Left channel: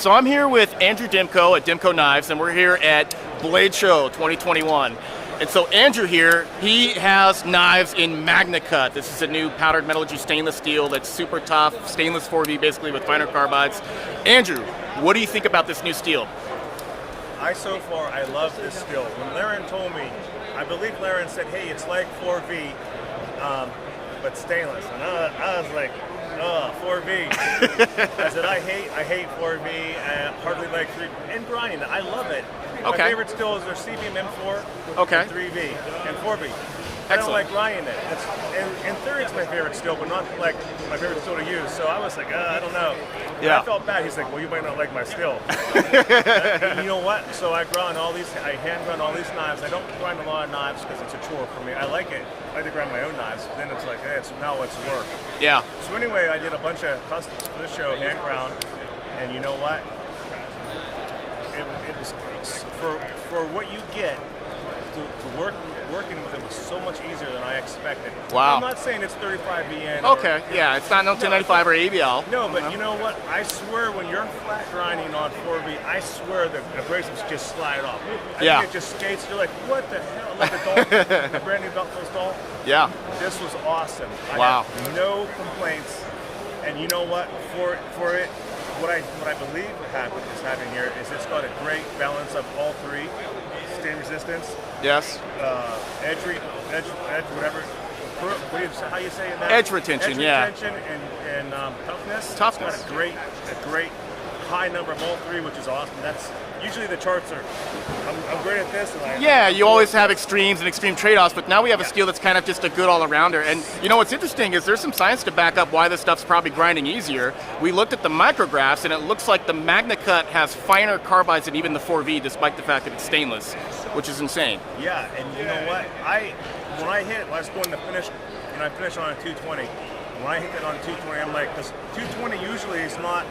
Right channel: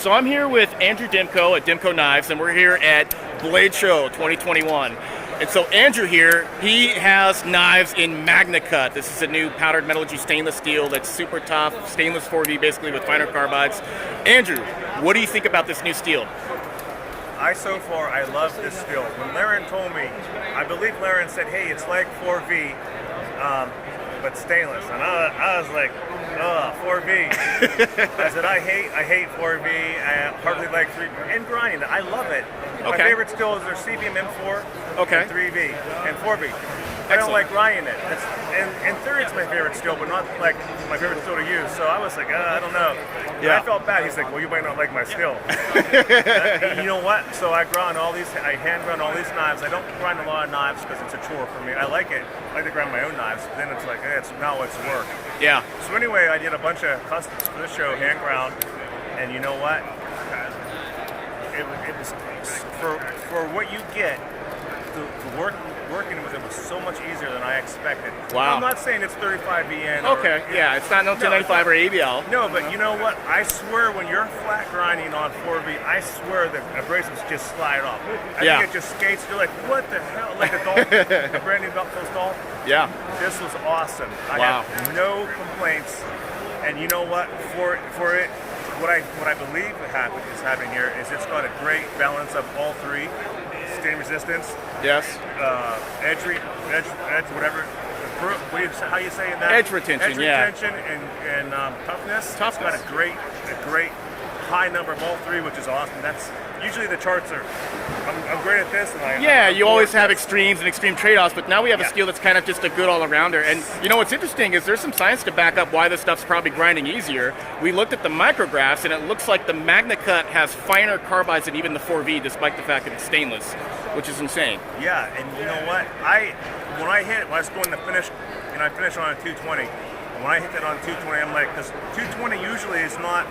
So I'm here with Andrew Demko at Demko Knives, and we're here at Bladeshow 2021. And so Andrew here, he has knives in MagnaCut. This is a new powdered metallurgy stainless steel that's super tough, stainless 4V basically with finer carbides. Andrew, what do you think about this new steel? So far, I love this steel. When Laren told me, I believe Laren said, hey, it's like 4V, but stainless. And I was like, 4V. I said, I hate 4V. I hardly like 3V. And grinding, I love it. My favorite steel is their CPM M4 and 3V and 4V. I don't like grinding it. In theory, it's my favorite steel, but not like my favorite steel to use. So I was like, I don't know. Yeah. I felt bad. He's like, well, you might not like my steel. You know what? So I hand grind all these knives. I don't grind a lot of knives because it's a chore for me. I like it. I like to grind my own knives. But then it's like, hey, now it's work. Yeah. So anyway, I did a bunch of customs for this show, hand ground, and you know what? It was for what you get. Working with it was so much easier than I expected. Wow. I'm not saying it's 35 BN. Yeah, it's not no 1095 or ABL. No, but you know what? I swear when you're flat grinding on 4V, I swear the abrasives just slide off. I think it just skates. You're like, what the hell? Like the brand new Demko doll. Yeah. This was awesome. I have no complaints. And you know what? For it, what I believe is happening here is it's got a great balance of all three. Stain resistance. Yes. Edge, whatever. How you say that? Edge retention. Edge retention and toughness. Toughness. It's got a great high number of all three, which is awesome. That's usually the charts are. I'm great at this, and you always have extremes and extreme trade-offs, but now we have a steel that's kind of just a good all-arounder. And you know what's interesting is there's some science to back up why this stuff's probably grinding easier. We looked at the micrographs, and it looks like the MagnaCut has finer carbides than even the 4V, despite the fact that it's stainless, which is insane. Yeah, and you know what? When I was going to finish, I finished on a 220. And when I hit that on 220, I'm like, because 220 usually is not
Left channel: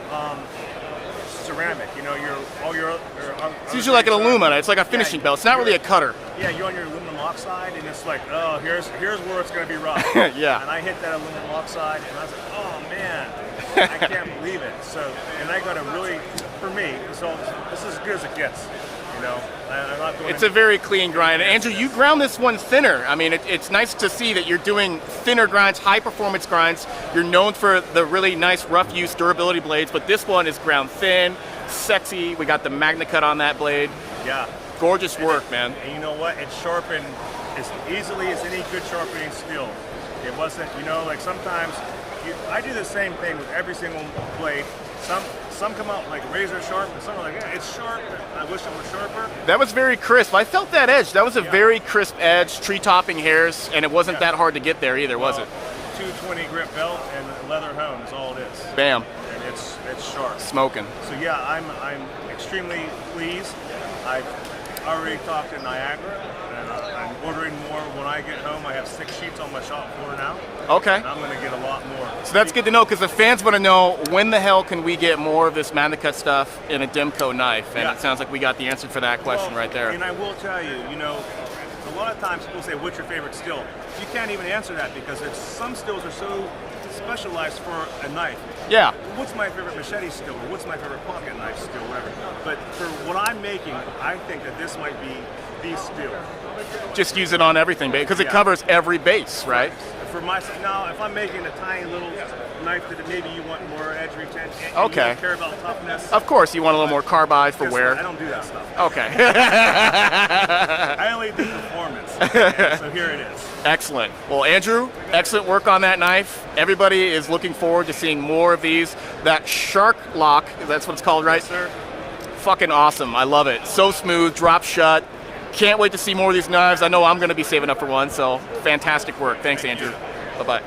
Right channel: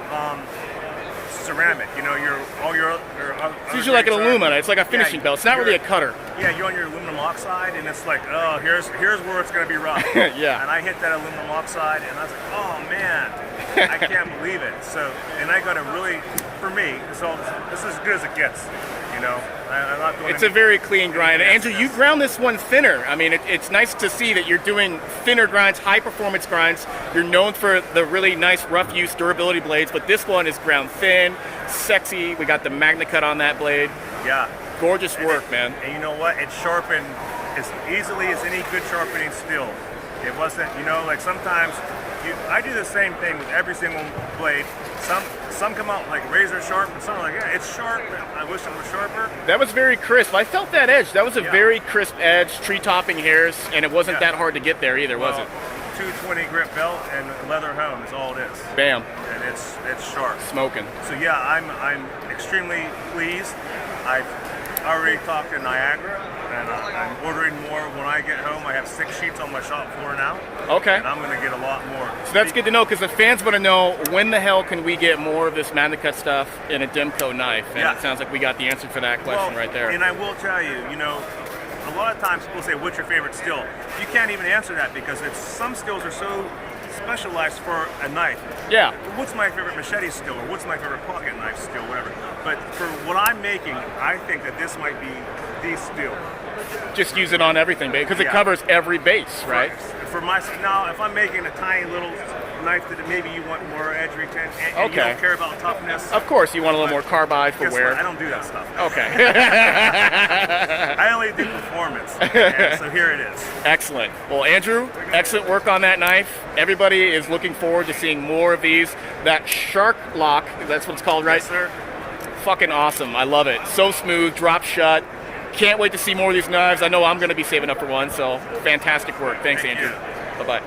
ceramic. You know, it's usually like an alumina. It's like a finishing belt. It's not really a cutter. Yeah, you're on your aluminum oxide, and it's like, oh, here's where it's going to be rough. Yeah. And I hit that aluminum oxide, and I was like, oh man, I can't believe it. So, and I got a really, for me, this is as good as it gets. You know, I'm not doing. It's a very clean grind. Andrew, you ground this one thinner. I mean, it's nice to see that you're doing thinner grinds, high performance grinds. You're known for the really nice rough use durability blades, but this one is ground thin, sexy. We got the MagnaCut on that blade. Yeah. Gorgeous work, man. And you know what? It's sharpened as easily as any good sharpening steel. It wasn't, like sometimes I do the same thing with every single blade. Some come out like razor sharp, and some are like, yeah, it's sharp. I wish it was sharper. That was very crisp. I felt that edge. That was a very crisp edge, tree topping hairs, and it wasn't that hard to get there either, was it? 220 grip belt and leather hone is all it is. Bam. And it's sharp. Smoking. So yeah, I'm extremely pleased. I've already talked to Niagara, and I'm ordering more when I get home. I have 6 sheets on my shop floor now. Okay. And I'm going to get a lot more. So that's good to know, because the fans want to know, when the hell can we get more of this MagnaCut stuff in a Demko knife? And it sounds like we got the answer for that question right there. And I will tell you, a lot of times people say, what's your favorite steel? You can't even answer that because some steels are so specialized for a knife. Yeah. What's my favorite machete steel, or what's my favorite pocket knife steel, whatever. But for what I'm making, I think that this might be the steel. Just use it on everything, because it covers every base, right? For now, if I'm making a tiny little knife that maybe you want more edge retention, and you don't care about toughness. Of course, you want a little more carbide for wear. I don't do that stuff. Okay. I only do performance. So here it is. Excellent. Well, Andrew, excellent work on that knife. Everybody is looking forward to seeing more of these. That shark lock, that's what it's called, right? Yes, sir. Fucking awesome. I love it. So smooth, drop shut. Can't wait to see more of these knives. I know I'm going to be saving up for one, so fantastic work. Thanks, Andrew. Bye-bye.